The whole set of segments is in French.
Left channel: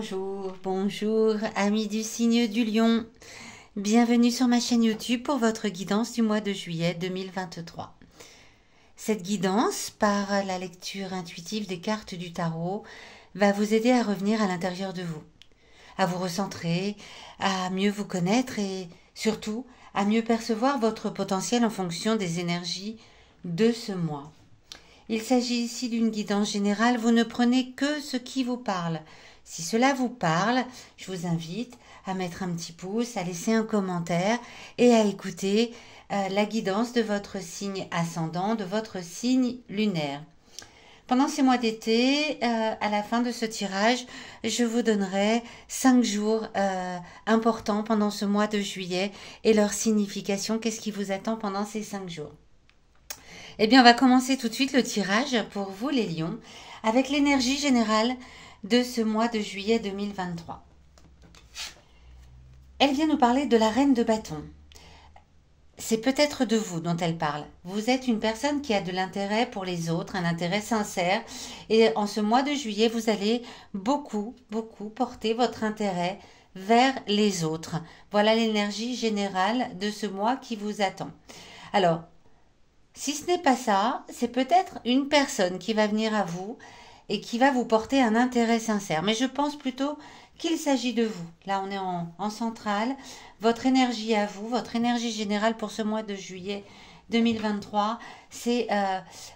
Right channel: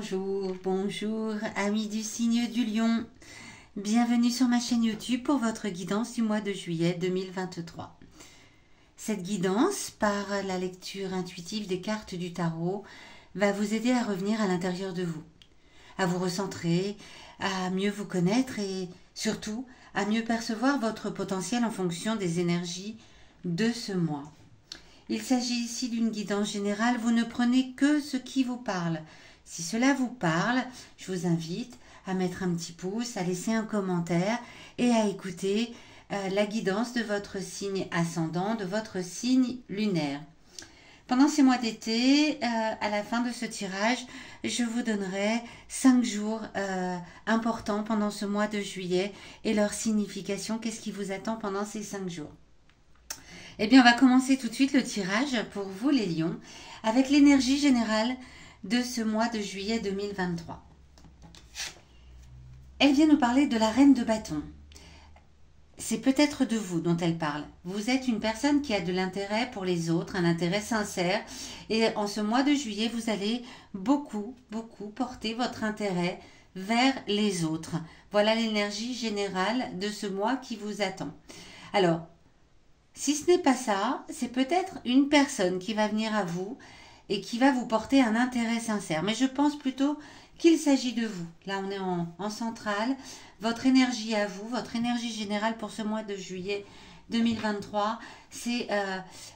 Bonjour, bonjour, amis du signe du lion. Bienvenue sur ma chaîne YouTube pour votre guidance du mois de juillet 2023. Cette guidance, par la lecture intuitive des cartes du tarot, va vous aider à revenir à l'intérieur de vous, à vous recentrer, à mieux vous connaître et surtout à mieux percevoir votre potentiel en fonction des énergies de ce mois. Il s'agit ici d'une guidance générale, vous ne prenez que ce qui vous parle. Si cela vous parle, je vous invite à mettre un petit pouce, à laisser un commentaire et à écouter la guidance de votre signe ascendant, de votre signe lunaire. Pendant ces mois d'été, à la fin de ce tirage, je vous donnerai 5 jours importants pendant ce mois de juillet et leur signification, qu'est-ce qui vous attend pendant ces 5 jours. Eh bien, on va commencer tout de suite le tirage pour vous les lions avec l'énergie générale de ce mois de juillet 2023. Elle vient nous parler de la reine de bâton. C'est peut-être de vous dont elle parle. Vous êtes une personne qui a de l'intérêt pour les autres, un intérêt sincère. Et en ce mois de juillet, vous allez beaucoup porter votre intérêt vers les autres. Voilà l'énergie générale de ce mois qui vous attend. Alors, si ce n'est pas ça, c'est peut-être une personne qui va venir à vous et qui va vous porter un intérêt sincère. Mais je pense plutôt qu'il s'agit de vous. Là, on est en centrale. Votre énergie à vous, votre énergie générale pour ce mois de juillet 2023, c'est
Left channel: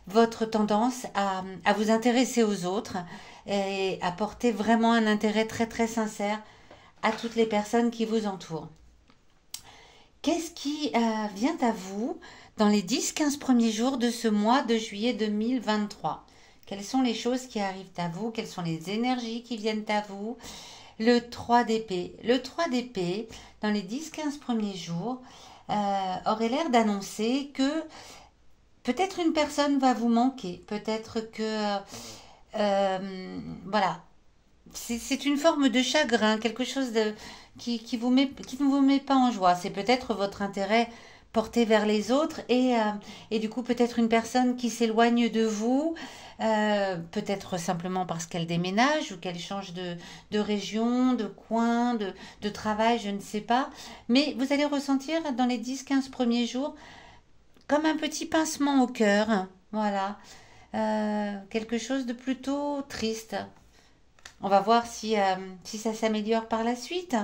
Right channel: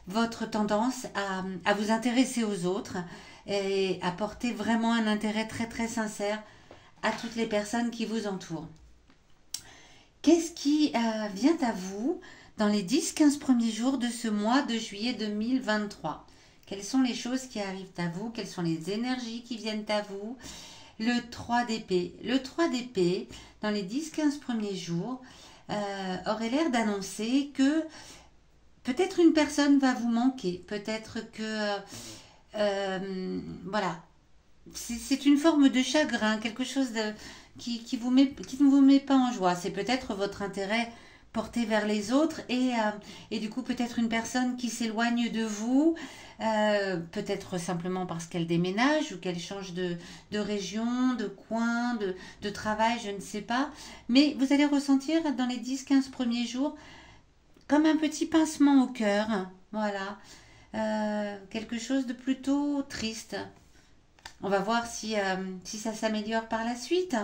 votre tendance à vous intéresser aux autres et à porter vraiment un intérêt très sincère à toutes les personnes qui vous entourent. Qu'est-ce qui vient à vous dans les 10-15 premiers jours de ce mois de juillet 2023? Quelles sont les choses qui arrivent à vous? Quelles sont les énergies qui viennent à vous? Le 3 d'épée. Le 3 d'épée, dans les 10-15 premiers jours, aurait l'air d'annoncer que peut-être une personne va vous manquer. Peut-être que... voilà. C'est une forme de chagrin, quelque chose qui ne vous met pas en joie. C'est peut-être votre intérêt porté vers les autres et du coup peut-être une personne qui s'éloigne de vous, peut-être simplement parce qu'elle déménage ou qu'elle change de région, de coin, de travail, je ne sais pas. Mais vous allez ressentir dans les 10-15 premiers jours comme un petit pincement au cœur. Voilà. Quelque chose de plutôt triste. On va voir si ça s'améliore par la suite.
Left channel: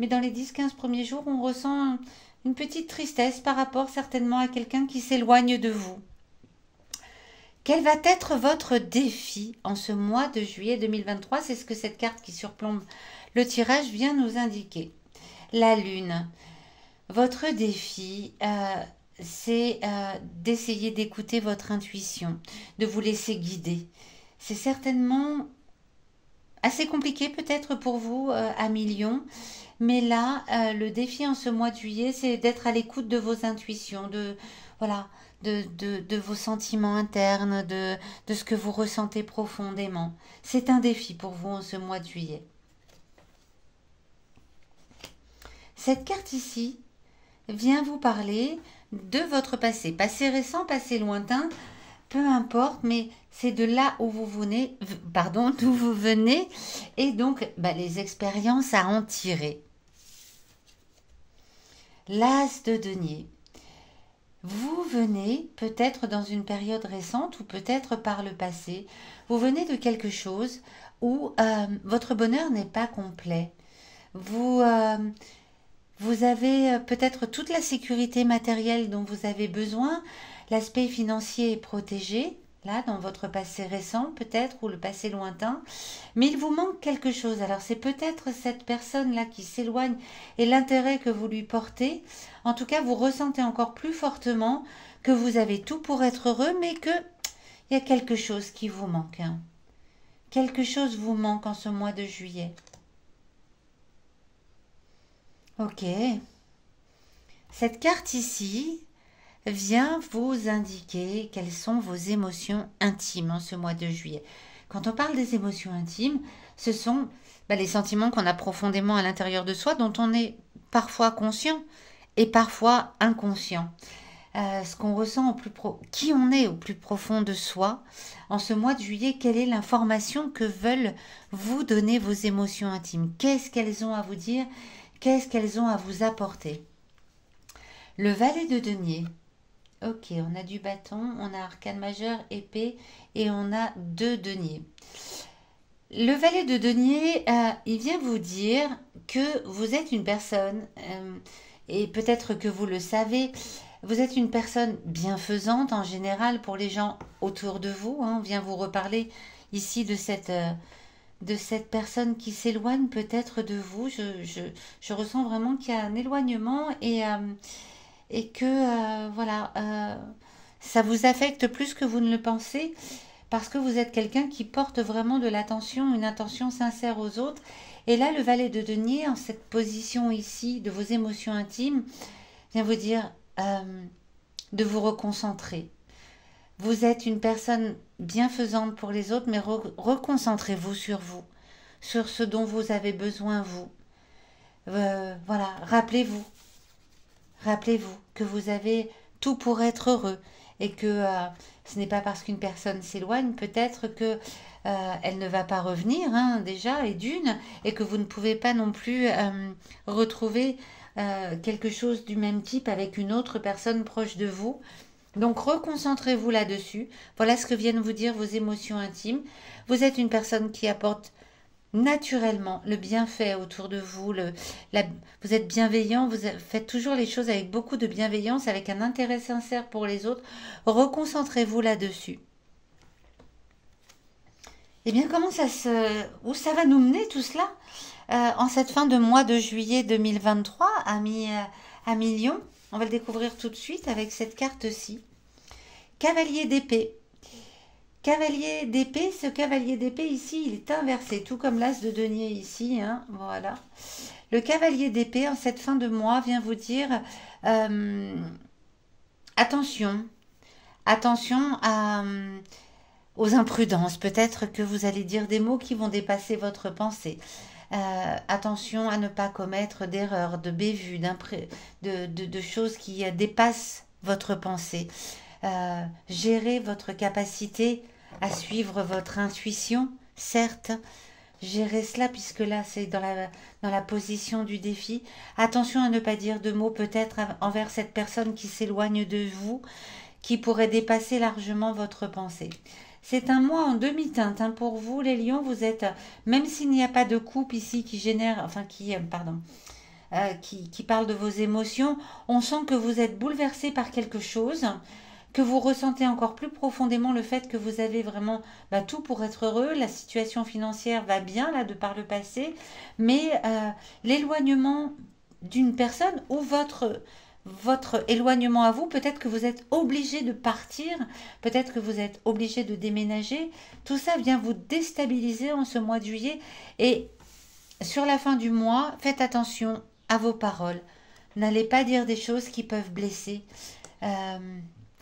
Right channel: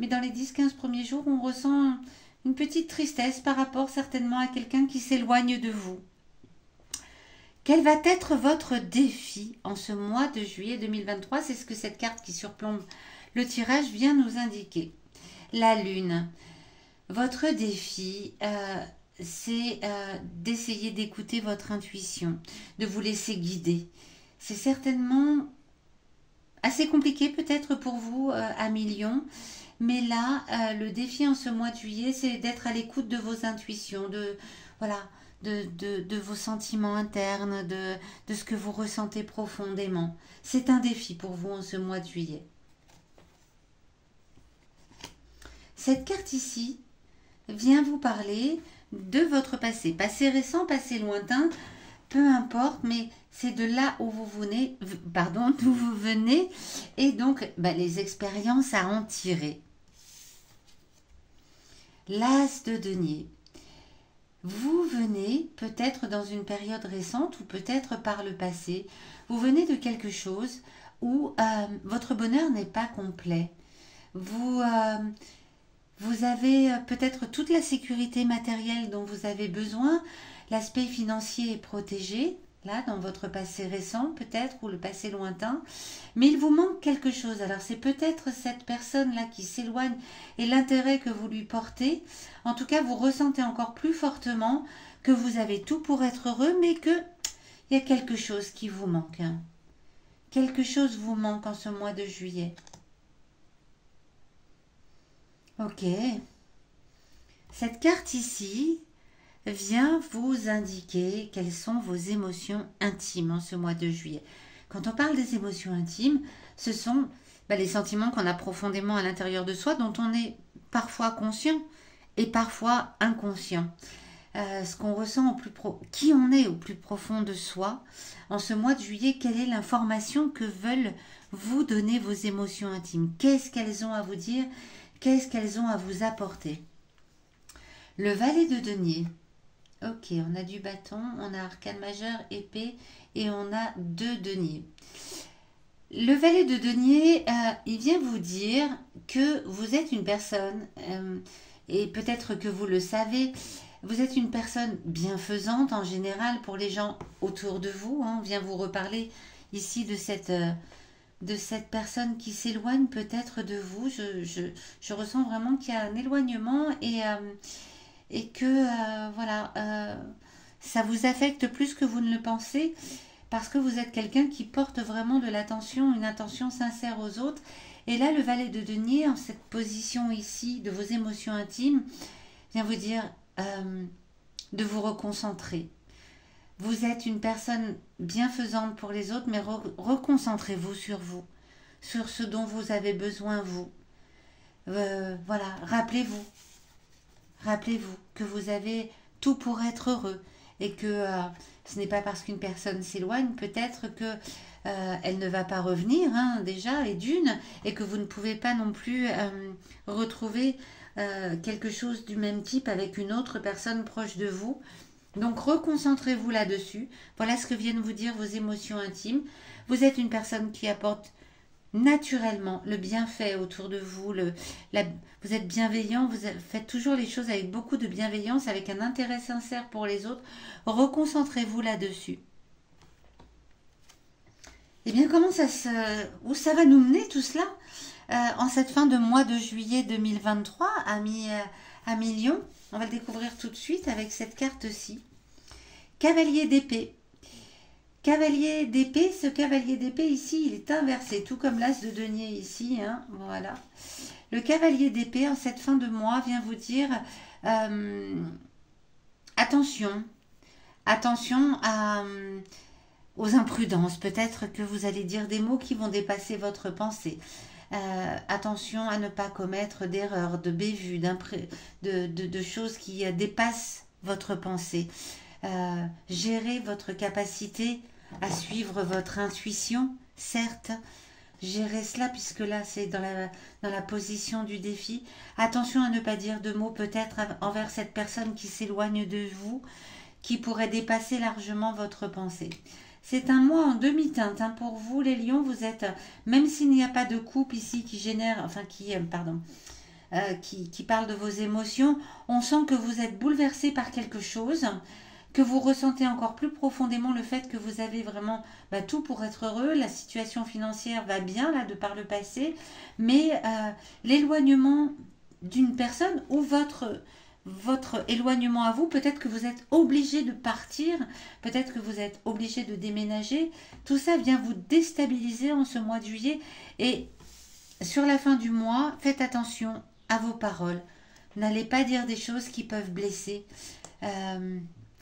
Mais dans les 10-15 premiers jours, on ressent une petite tristesse par rapport certainement à quelqu'un qui s'éloigne de vous. Quel va être votre défi en ce mois de juillet 2023? C'est ce que cette carte qui surplombe le tirage vient nous indiquer. La lune. Votre défi, c'est d'essayer d'écouter votre intuition, de vous laisser guider. C'est certainement assez compliqué peut-être pour vous, amis lions. Mais là, le défi en ce mois de juillet, c'est d'être à l'écoute de vos intuitions, de vos sentiments internes, de ce que vous ressentez profondément. C'est un défi pour vous en ce mois de juillet. Cette carte ici vient vous parler de votre passé. Passé récent, passé lointain, peu importe, mais c'est de là où vous venez, d'où vous venez, et donc les expériences à en tirer. L'as de denier. Vous venez peut-être dans une période récente ou peut-être par le passé, vous venez de quelque chose où votre bonheur n'est pas complet. Vous avez peut-être toute la sécurité matérielle dont vous avez besoin, l'aspect financier est protégé, là, dans votre passé récent peut-être, ou le passé lointain, mais il vous manque quelque chose. Alors c'est peut-être cette personne-là qui s'éloigne et l'intérêt que vous lui portez. En tout cas, vous ressentez encore plus fortement que vous avez tout pour être heureux, mais qu'il y a quelque chose qui vous manque. Quelque chose vous manque en ce mois de juillet. Ok. Cette carte ici vient vous indiquer quelles sont vos émotions intimes en ce mois de juillet. Quand on parle des émotions intimes, ce sont les sentiments qu'on a profondément à l'intérieur de soi, dont on est parfois conscient et parfois inconscient. Ce qu'on ressent qui on est au plus profond de soi. En ce mois de juillet, quelle est l'information que veulent vous donner vos émotions intimes. Qu'est-ce qu'elles ont à vous dire? Qu'est-ce qu'elles ont à vous apporter? Le valet de denier. Ok, on a du bâton, on a arcane majeur, épée et on a 2 deniers. Le valet de denier, il vient vous dire que vous êtes une personne, et peut-être que vous le savez, vous êtes une personne bienfaisante en général pour les gens autour de vous. On vient vous reparler ici de cette personne qui s'éloigne peut-être de vous. Je ressens vraiment qu'il y a un éloignement et que voilà, ça vous affecte plus que vous ne le pensez parce que vous êtes quelqu'un qui porte vraiment de l'attention, une attention sincère aux autres. Et là, le valet de denier, en cette position ici de vos émotions intimes, vient vous dire de vous reconcentrer. Vous êtes une personne bienfaisante pour les autres, mais reconcentrez-vous sur vous, sur ce dont vous avez besoin, vous. Voilà, rappelez-vous que vous avez tout pour être heureux et que ce n'est pas parce qu'une personne s'éloigne, peut-être que elle ne va pas revenir déjà, et que vous ne pouvez pas non plus retrouver quelque chose du même type avec une autre personne proche de vous. Donc reconcentrez-vous là-dessus. Voilà ce que viennent vous dire vos émotions intimes. Vous êtes une personne qui apporte naturellement le bienfait autour de vous. Vous êtes bienveillant, vous faites toujours les choses avec beaucoup de bienveillance, avec un intérêt sincère pour les autres. Reconcentrez-vous là-dessus. Eh bien, où ça va nous mener tout cela en cette fin de mois de juillet 2023 à mi-Lion? On va le découvrir tout de suite avec cette carte-ci. Cavalier d'épée. Cavalier d'épée, ce cavalier d'épée ici, il est inversé, tout comme l'as de denier ici. Voilà. Le cavalier d'épée, en cette fin de mois, vient vous dire attention aux imprudences. Peut-être que vous allez dire des mots qui vont dépasser votre pensée. Attention à ne pas commettre d'erreurs, de bévues, de choses qui dépassent votre pensée. Gérez votre capacité à suivre votre intuition, certes. Gérez cela puisque là c'est dans la position du défi. Attention à ne pas dire de mots peut-être envers cette personne qui s'éloigne de vous, qui pourrait dépasser largement votre pensée. C'est un mois en demi-teinte pour vous, les lions. Vous êtes, même s'il n'y a pas de coupe ici qui génère, enfin qui parle de vos émotions, on sent que vous êtes bouleversé par quelque chose, que vous ressentez encore plus profondément le fait que vous avez vraiment tout pour être heureux. La situation financière va bien là de par le passé, mais l'éloignement d'une personne ou votre éloignement à vous, peut-être que vous êtes obligé de partir, peut-être que vous êtes obligé de déménager, tout ça vient vous déstabiliser en ce mois de juillet. Et sur la fin du mois, faites attention à vos paroles, n'allez pas dire des choses qui peuvent blesser.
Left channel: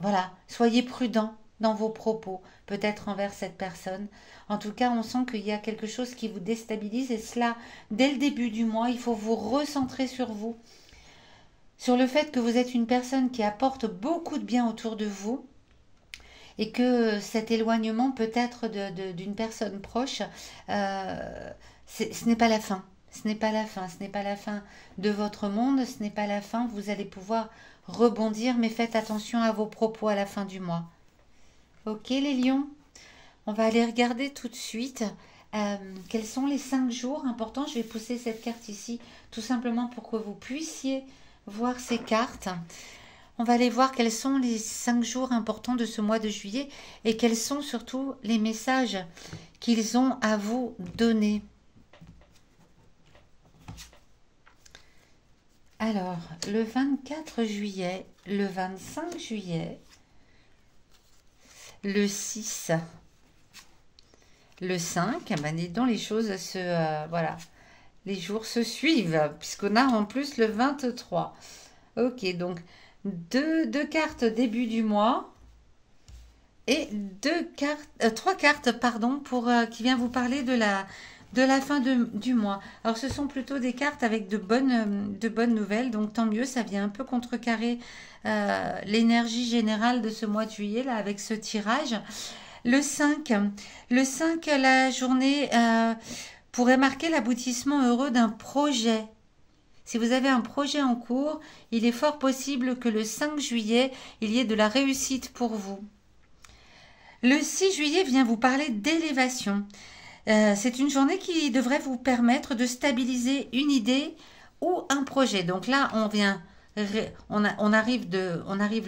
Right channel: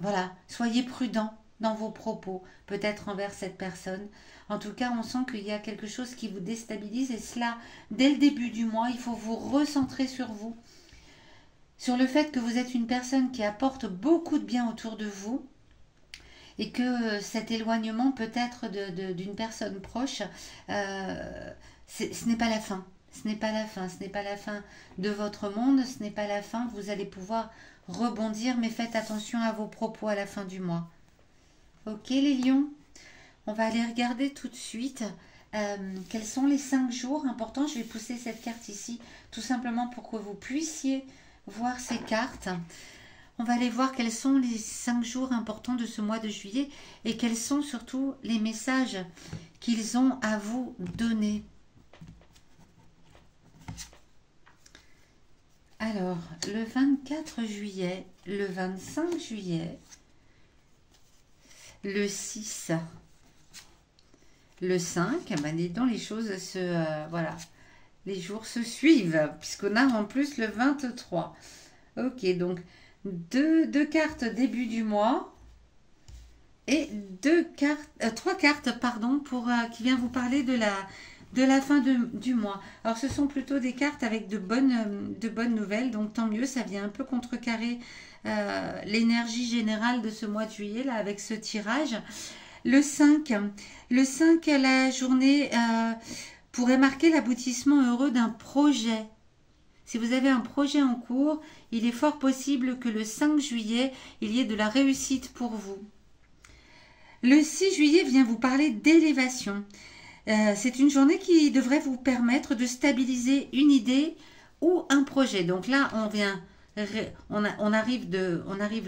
Voilà, soyez prudent dans vos propos, peut-être envers cette personne. En tout cas, on sent qu'il y a quelque chose qui vous déstabilise et cela, dès le début du mois, il faut vous recentrer sur vous, sur le fait que vous êtes une personne qui apporte beaucoup de bien autour de vous et que cet éloignement peut-être d'une personne proche, ce n'est pas la fin. Ce n'est pas la fin, ce n'est pas la fin de votre monde, ce n'est pas la fin, vous allez pouvoir rebondir, mais faites attention à vos propos à la fin du mois. Ok les lions, on va aller regarder tout de suite quels sont les 5 jours importants. Je vais pousser cette carte ici tout simplement pour que vous puissiez voir ces cartes. On va aller voir quels sont les 5 jours importants de ce mois de juillet et quels sont surtout les messages qu'ils ont à vous donner. Alors, le 24 juillet, le 25 juillet, le 6, le 5, dis donc les choses voilà, les jours se suivent, puisqu'on a en plus le 23. Ok, donc deux cartes début du mois et 3 cartes, pardon, qui vient vous parler de la fin du mois. Alors ce sont plutôt des cartes avec de bonnes nouvelles, donc tant mieux, ça vient un peu contrecarrer l'énergie générale de ce mois de juillet là avec ce tirage. Le 5, le 5, la journée pourrait marquer l'aboutissement heureux d'un projet. Si vous avez un projet en cours, il est fort possible que le 5 juillet, il y ait de la réussite pour vous. Le 6 juillet vient vous parler d'élévation. C'est une journée qui devrait vous permettre de stabiliser une idée ou un projet. Donc là, on arrive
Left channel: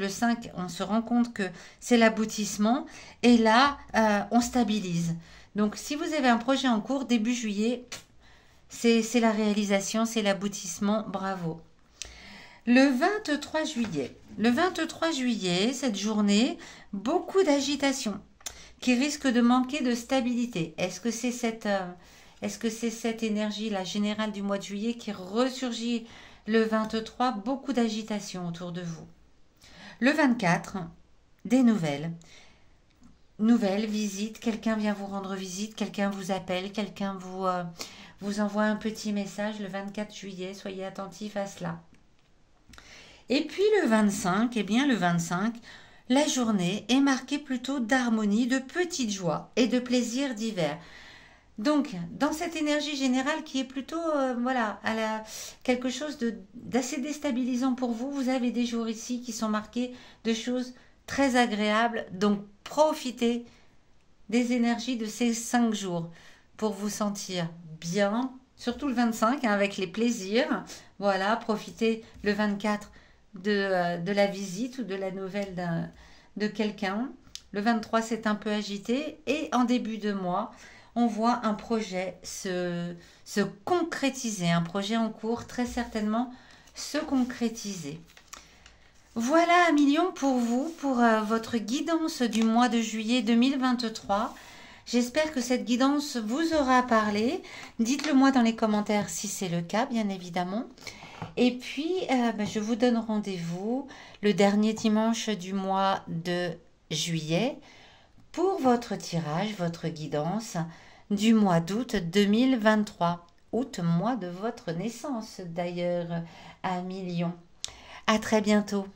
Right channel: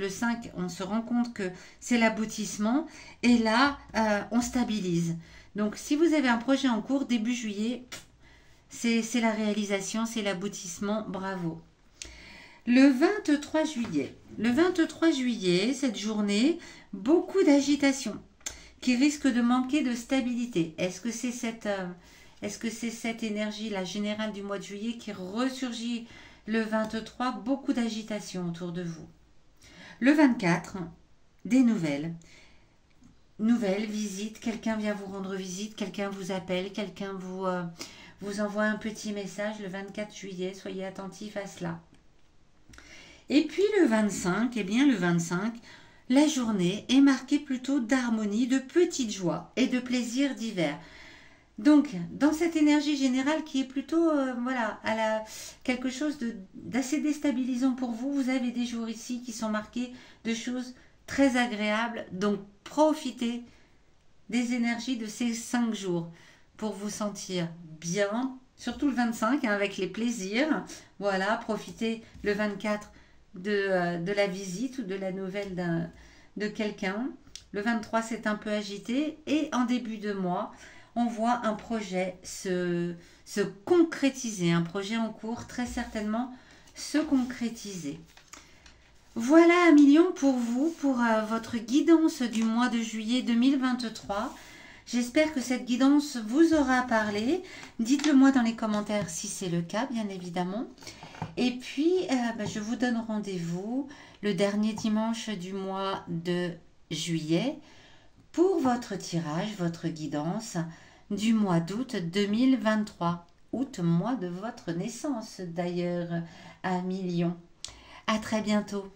le 5, on se rend compte que c'est l'aboutissement et là, on stabilise. Donc si vous avez un projet en cours, début juillet, c'est la réalisation, c'est l'aboutissement, bravo. Le 23 juillet. Le 23 juillet, cette journée, beaucoup d'agitation qui risque de manquer de stabilité. Est-ce que c'est cette énergie-là générale du mois de juillet qui ressurgit le 23? Beaucoup d'agitation autour de vous. Le 24, des nouvelles. Nouvelles, visites, quelqu'un vient vous rendre visite, quelqu'un vous appelle, quelqu'un vous envoie un petit message le 24 juillet. Soyez attentifs à cela. Et puis le 25, eh bien le 25, la journée est marquée plutôt d'harmonie, de petites joies et de plaisirs divers. Donc, dans cette énergie générale qui est plutôt, voilà, quelque chose d'assez déstabilisant pour vous, vous avez des jours ici qui sont marqués de choses très agréables. Donc, profitez des énergies de ces 5 jours pour vous sentir bien, surtout le 25, hein, avec les plaisirs. Voilà, profitez le 24 de la visite ou de la nouvelle de quelqu'un. Le 23, c'est un peu agité. Et en début de mois, on voit un projet se concrétiser. Un projet en cours, très certainement, se concrétiser. Voilà 1 million pour vous, pour votre guidance du mois de juillet 2023. J'espère que cette guidance vous aura parlé. Dites-le moi dans les commentaires si c'est le cas, bien évidemment. Et puis, je vous donne rendez-vous le dernier dimanche du mois de juillet pour votre tirage, votre guidance du mois d'août 2023. Août, mois de votre naissance d'ailleurs, à 1 million. À très bientôt.